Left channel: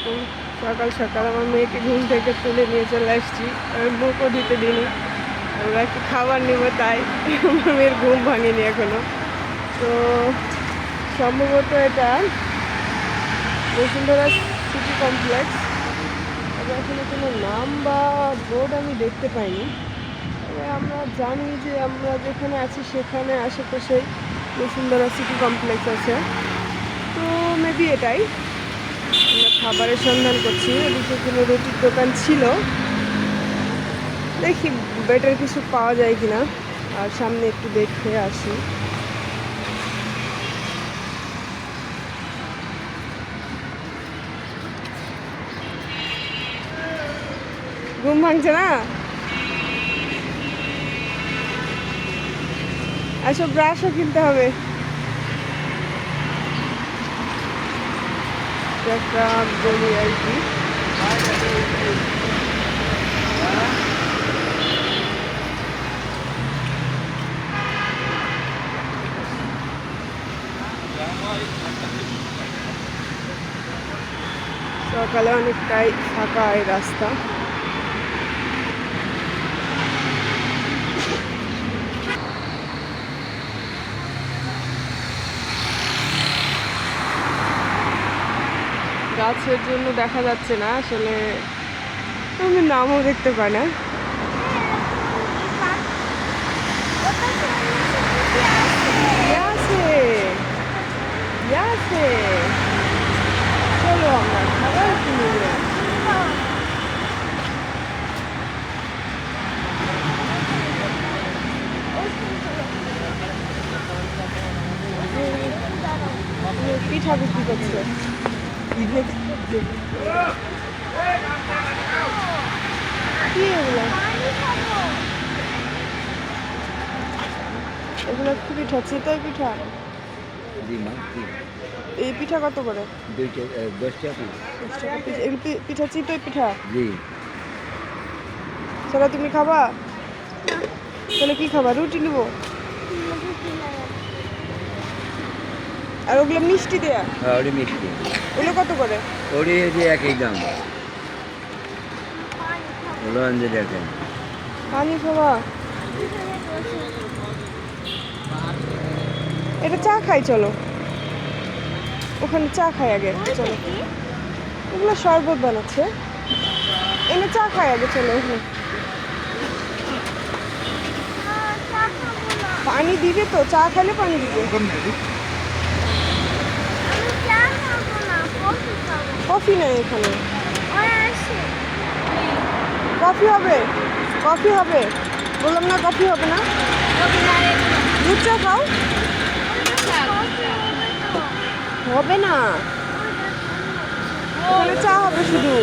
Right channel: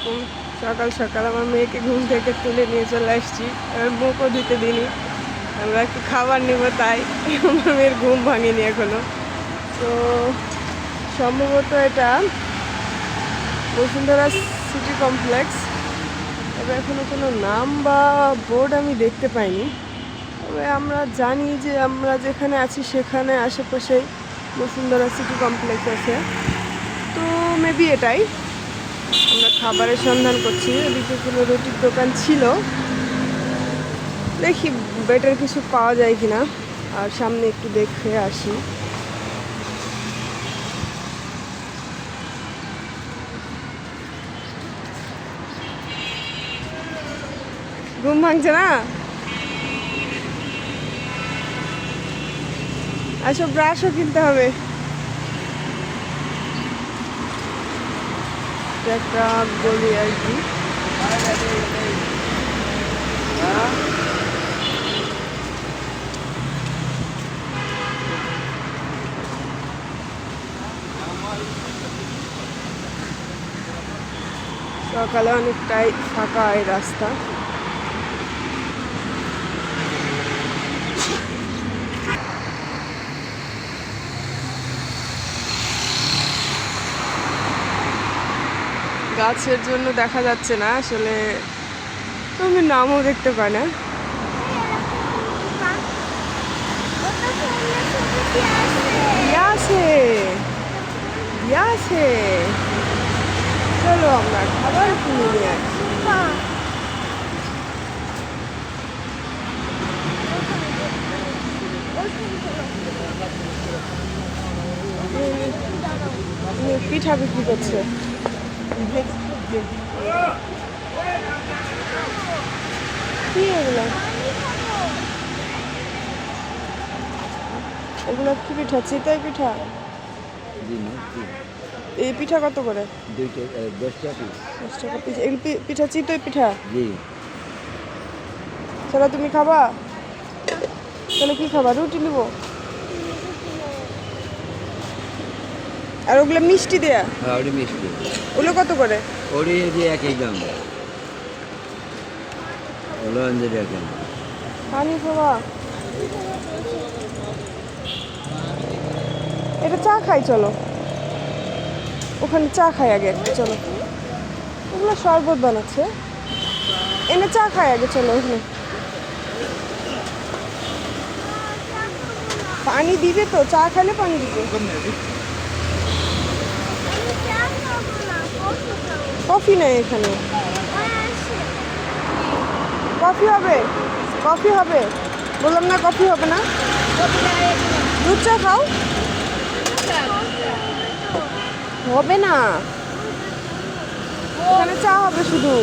এরকম সকাল সকাল আমার মেয়েকে ঘুম থেকে তুলে নিয়ে চলে আসছি। আমি মুখও দিতে দিইনি, আমরা একটু খাবার নেবো তাই। আমার মেয়ের ঘুম ভাঙেনি এখনো। তো সম্ভবত এটা বসুন্ধরা সিটি কমপ্লেক্স, তবে এখনো কোনো নাম বা বোর্ড আমি দেখতে পাইনি। তবে আমরা জানি যে আমরা যেখানে আছি সেখানে আশেপাশে বসুন্ধরা সিটি কমপ্লেক্স আছে, তো মেবি এটাই। আমরা খাবারের সন্ধান করছি, ওদিকে কোনো রুটির দোকান ছিল, দেখি বেটার কিছু পাওয়া যায় কিনা। আর সামনে একটু দেখে আসি। ঘুম ভাঙছে না? আসো, ব্রাশও কিনতে হবে। একটা গলি আর কি। সকালে অনেকটাই ফাঁকা এই রাস্তা। গাছের জন্য দেখা যাচ্ছে না আসলে, আমি নামও দেখতে পাই না। চলো আমরা খাবার কিনে নিয়ে আসি। পিঠা বিক্রি করছে। কি এগুলো? এগুলো কি পিঠা? চিতই পিঠা? এই পিঠা কত করে? 10 টাকা। 10 টাকা পিস। এই পিঠা চিতই পিঠা? জি। সেটা তুমি খাবা? তাহলে কি খাবা? রুটি নিব। আর ওগুলো মিষ্টি দেয়া? হ্যাঁ, ওটি মিষ্টি। ওগুলো কত করে? ওটি যে একই দাম। ওগুলো আনতে দেখেন। পানি খাবা? এটা চা খাই, চলো ওখানে চা খাই আগে, চলো। ওগুলো শরবত বানাচ্ছে, এনে চা খাই আগে, চলো ওখানে। পানি দিবে তো? চা খাইলে পানি দিবে। কফি নেই এখানে। কফি হবে? কফি হবে বললাম না, কফি হবে না। দুধ চা খাও। হবে না, এখানে চা হবে শুধু।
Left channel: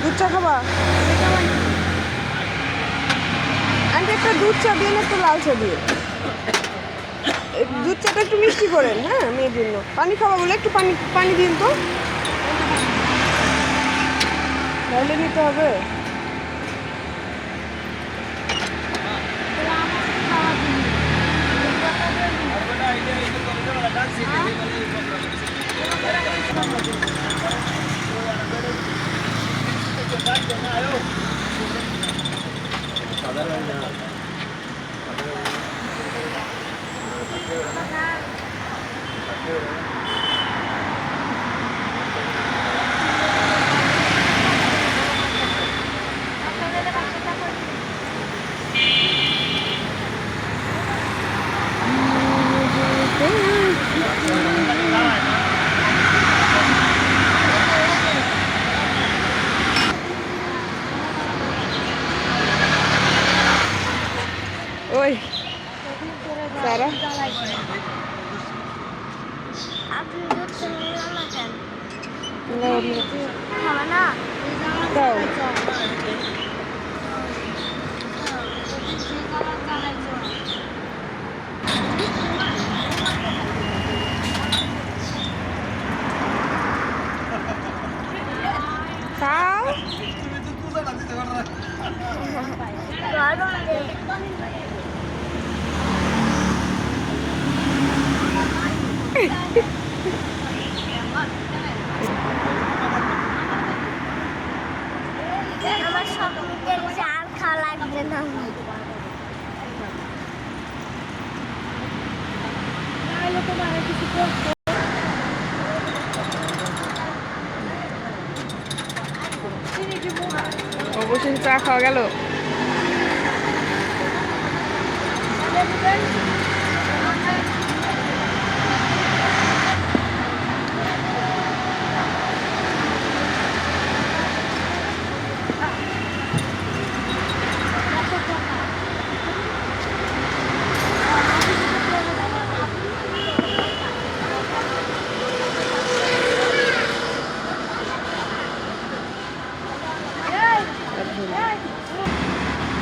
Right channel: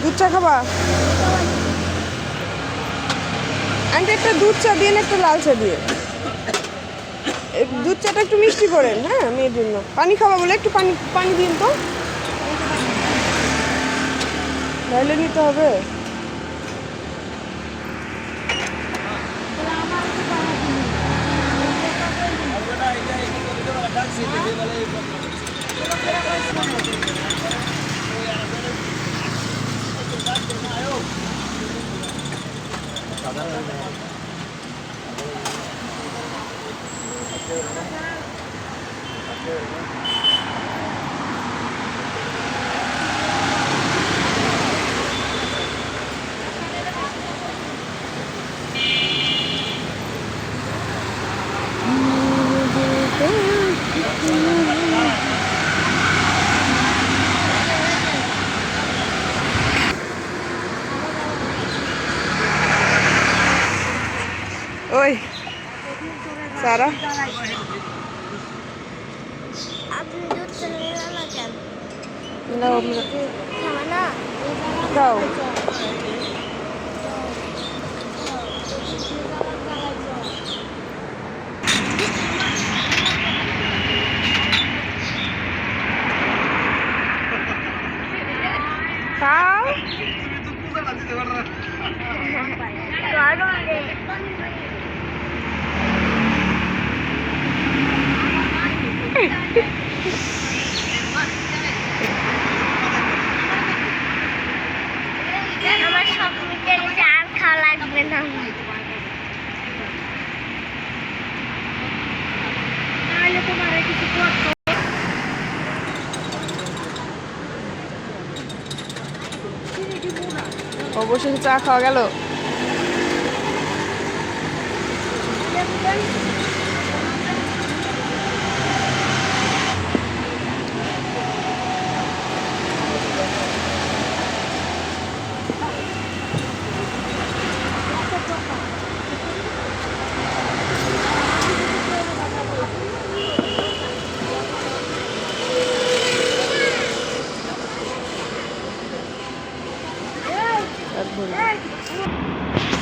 দুধ চা খাবা? আন্টি একটা দুধ চা দিয়ে, একটা লাল চা দিয়ে। দুধ চাটা একটু মিষ্টি করেন, হ্যাঁ মেয়ের জন্য। পানি খাওয়া বলে একটু পানি পানি দিন তো, তাহলে নিতে হবে। ওই সারা, দাও। খাও। নাম তোমার কিছু করতে অবশ্যই চা খাওয়া গেল।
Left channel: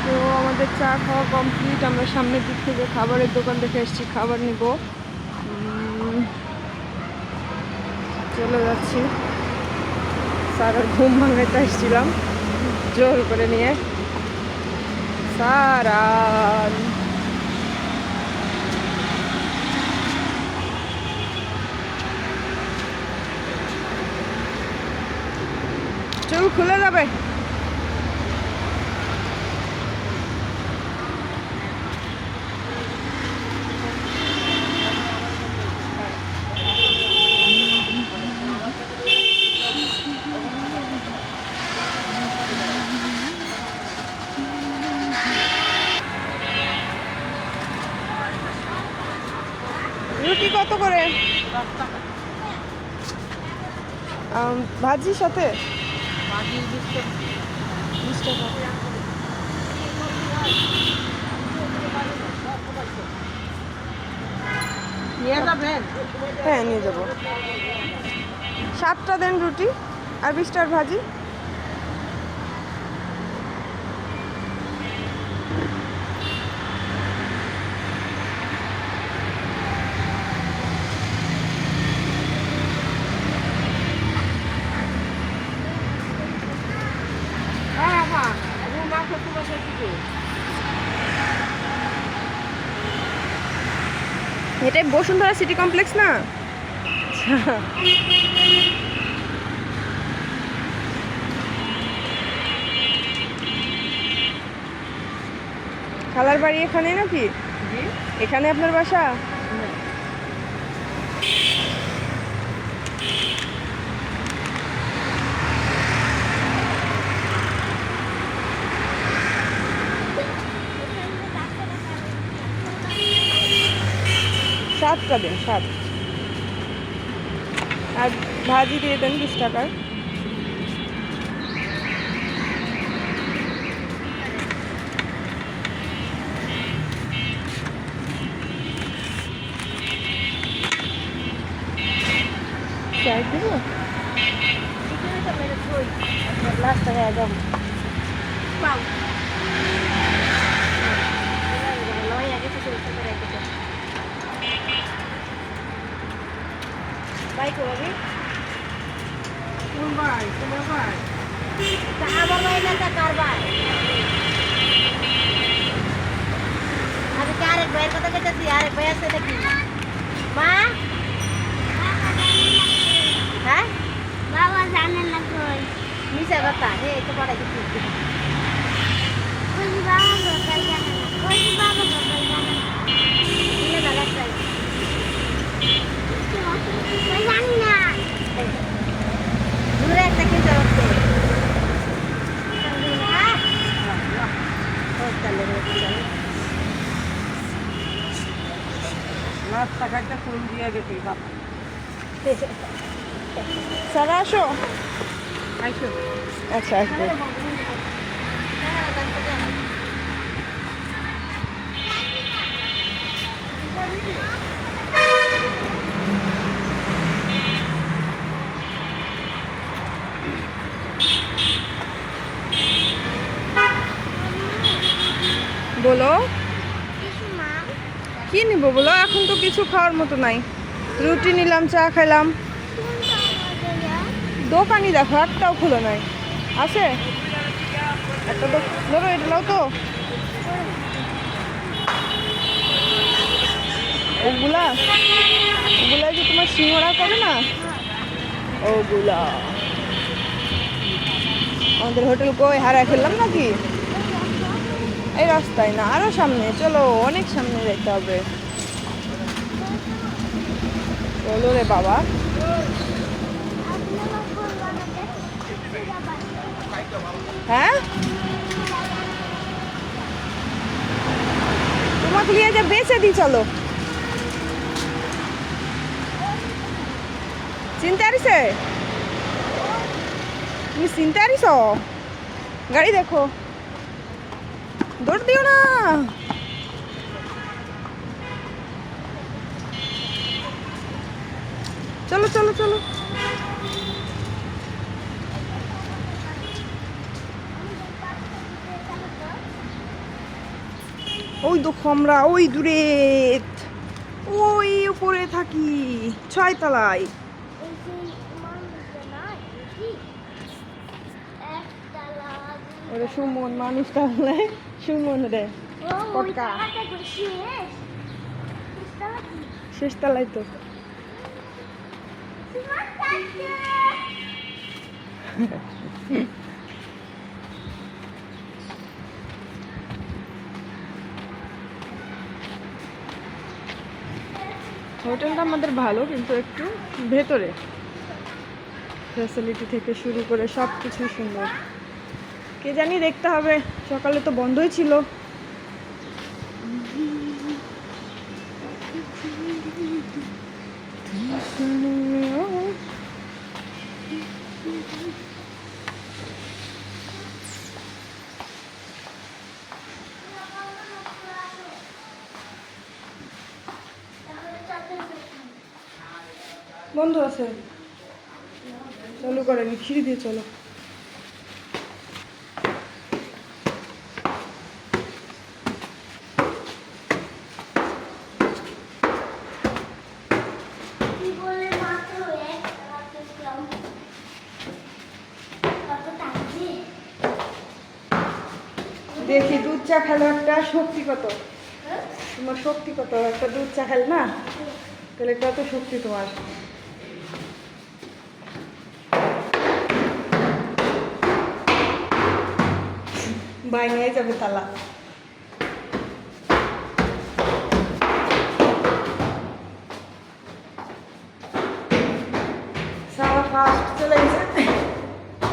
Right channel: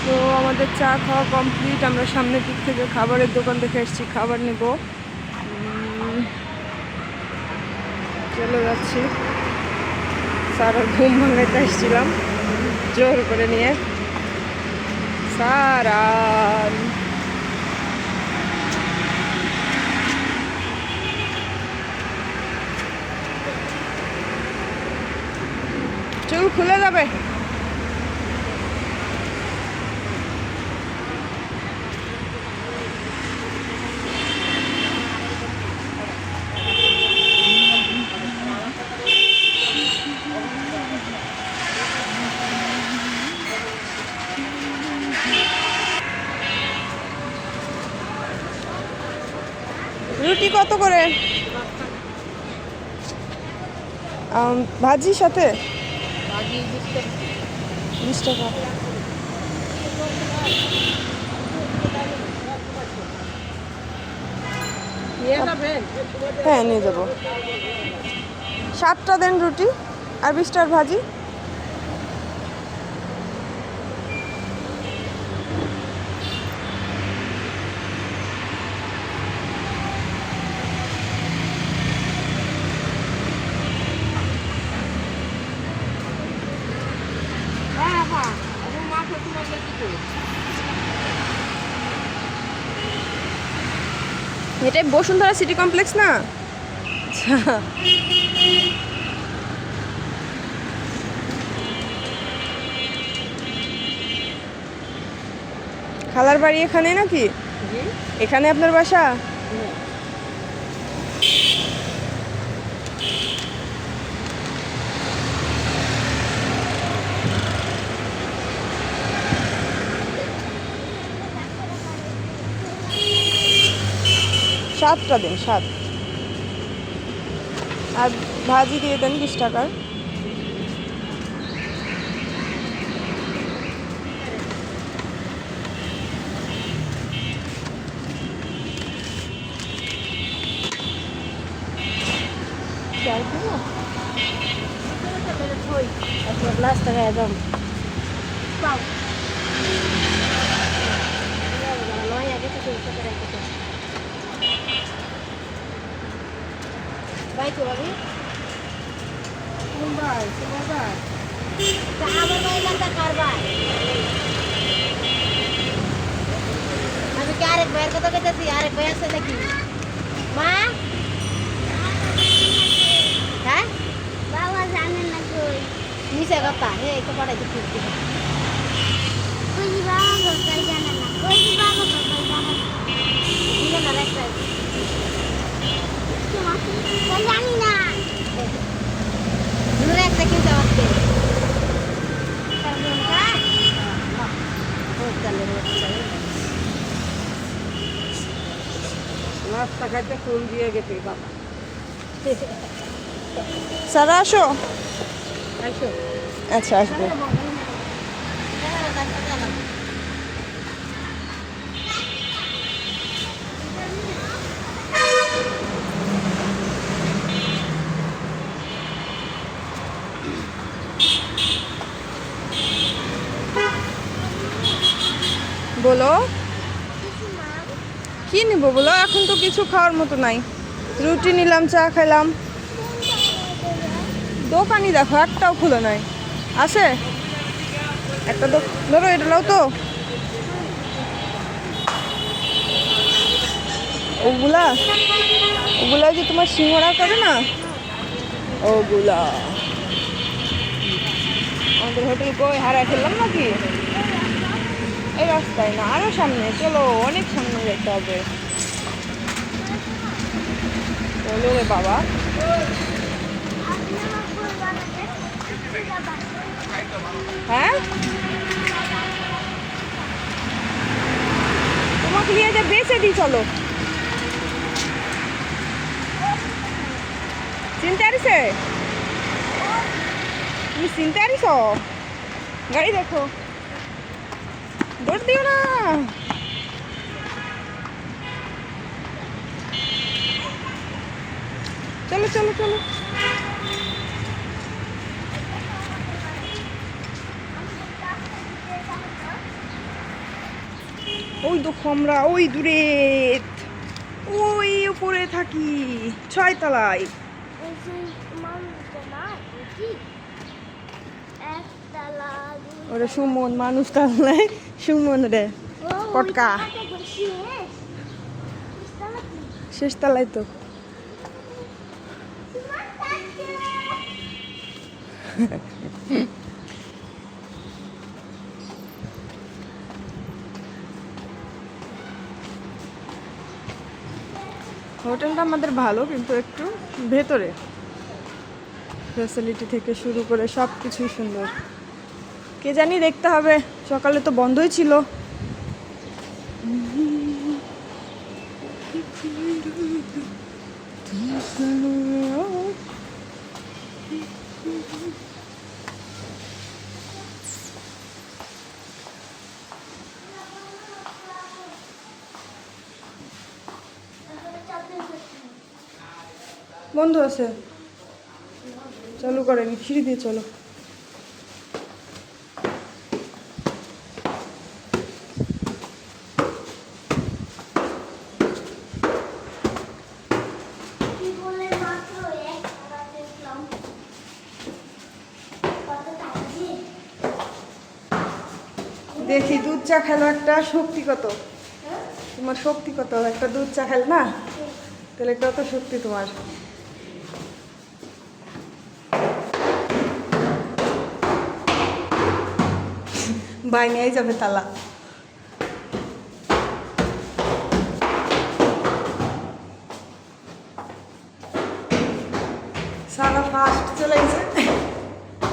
তো আমাদের চা খাওয়া কমপ্লিট। আমরা সামনের দিক থেকে খাবারের দোকান দেখে এসেছি, খাবার নিব। চলে যাচ্ছি। সারার ঘুম ভাঙাইতে এসেছিলাম জোর করে নিয়ে। সারান চুল খুলে যাবে। রুটি কত করে? ভাজির সাথে 20 টাকা। হ্যাঁ নিয়ে যাবো। 7টা দেন রুটি আর 20টার ভাজি। এটাই বসুন্ধরা সিটি কমপ্লেক্স না? আচ্ছা খালার বাড়ি এখানে নাকি? এখানে আপনার বাসা? সাতটা দেন, 7। আর ভাজি দিয়ে দেন 20 টাকার। চাই দিব? বাই করে কোন ভাই? তোমার ভাই? আমি কি আরেক ভাইয়ের কথা কইতেছি? আরেক ভাই আছে নাকি মা? হ্যাঁ বাবা জানেন না কই মিছা কথা। এই তো পড়াইতে ঠিক কই বাবা বকাই জানেন না, কই বাবা বকাই জানেন না, দিলে না একটা কই জানি না দূরে একটা কি জবাব দে নাস্তা খাইতে ফোন দিয়ে গেছে বাবা। সারা আসো। আচ্ছা আসবো। বলো কি নিব বলো? এখন তো কিছু খাওয়ার মতো নাই। রুটি নিলাম, চা খেলাম। দোকানই দেখো একটাও খোলা নাই। আছে একটা ধরো, এটা নাও তো। ওগুলা ওগুলা যে তোমার সিঙ্গড়া করে না, ওগুলা। আমাদের হোটেল কই হারা খেললাম নাকি? এই রাস্তায় না, আরো সামনে চলো, অনেক সামনে যেতে হবে। চলো রে বাবা। হ্যাঁ, তোমাকে নিয়ে যা বেঁচে দিই, চলো। চিনতে পারিছে? তুমি চিনতে পারিস? গাড়ি দেখো, দৌড় দিও না। চলো চলো চলো। ওই দেখো আমরা ওই দূরে, ওই উপরে থাকি 6 তলায়। ওরে সুমন, মানুষ তাহলে সুমন রে পটকা। শেষ তলায় তো। হোটেলটা আমাদের ভালো, কিন্তু একটু ভেতরে, ফ্যাসিলিটি থেকে শুরু করে সব কিছু সুন্দর। কে জানি, দেখতে হবে, সকালে তো বন্ধই ছিল। বন্ধ আছে, চালু করেনি, সিঁড়ি দিয়ে চলো। দেখি দুধ চা খেলো একটা, শক্তি কত তোমার, শক্তি কত, একটা দুধ চা খেল না, তাহলে কত শক্তি তোমার। বাই নিয়ে যাবে তালা। সারা ফাস্ট চলে গেছে,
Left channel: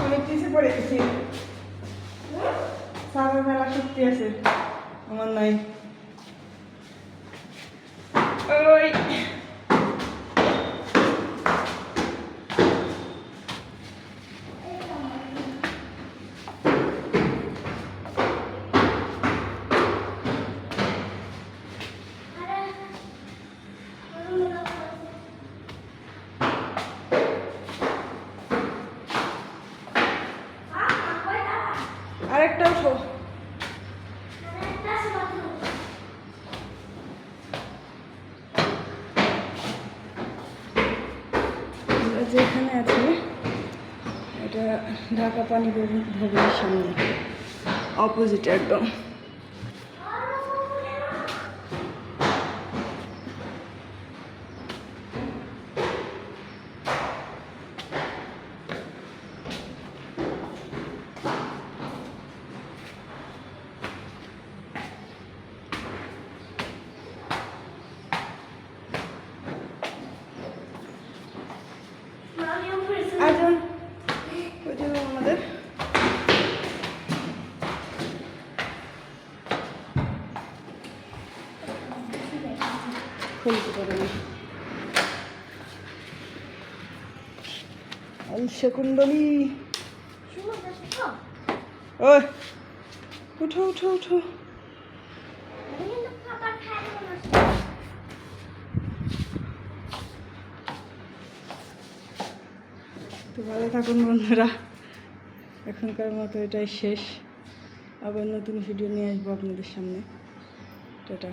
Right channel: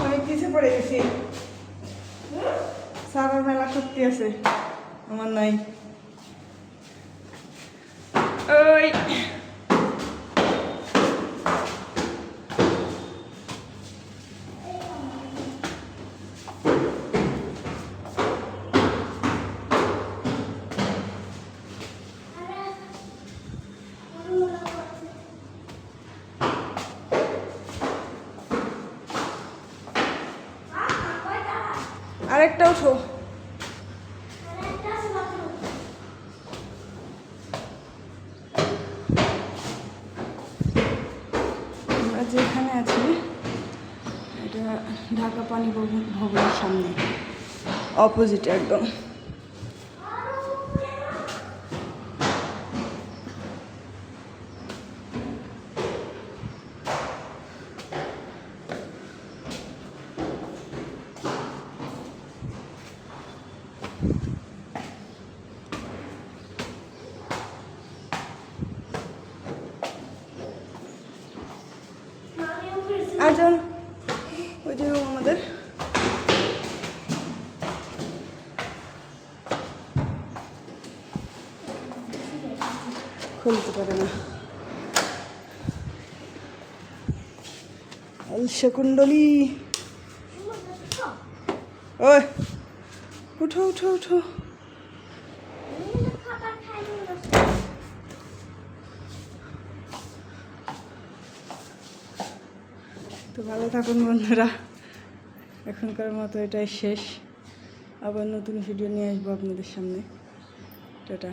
অনেক কিছু পড়ে গেছি। সারার মেলা শক্তি আছে, আমার নাই। ওই আরেকটা উঠো। আমরা যেখানে আছি এটা ঢাকা পানি ভবনের সামনে, অপোজিট একদম। আচ্ছা, ওই যে আমাদের খুলতে পারে না। শকুণ্ডলী, ওই উঠো উঠো উঠো। তো ভালো থাকুন বন্ধুরা, এখনকার মতো এটাই শেষ। আবার নতুন ভিডিও নিয়ে আসবো আপনাদের সামনে। টাটা।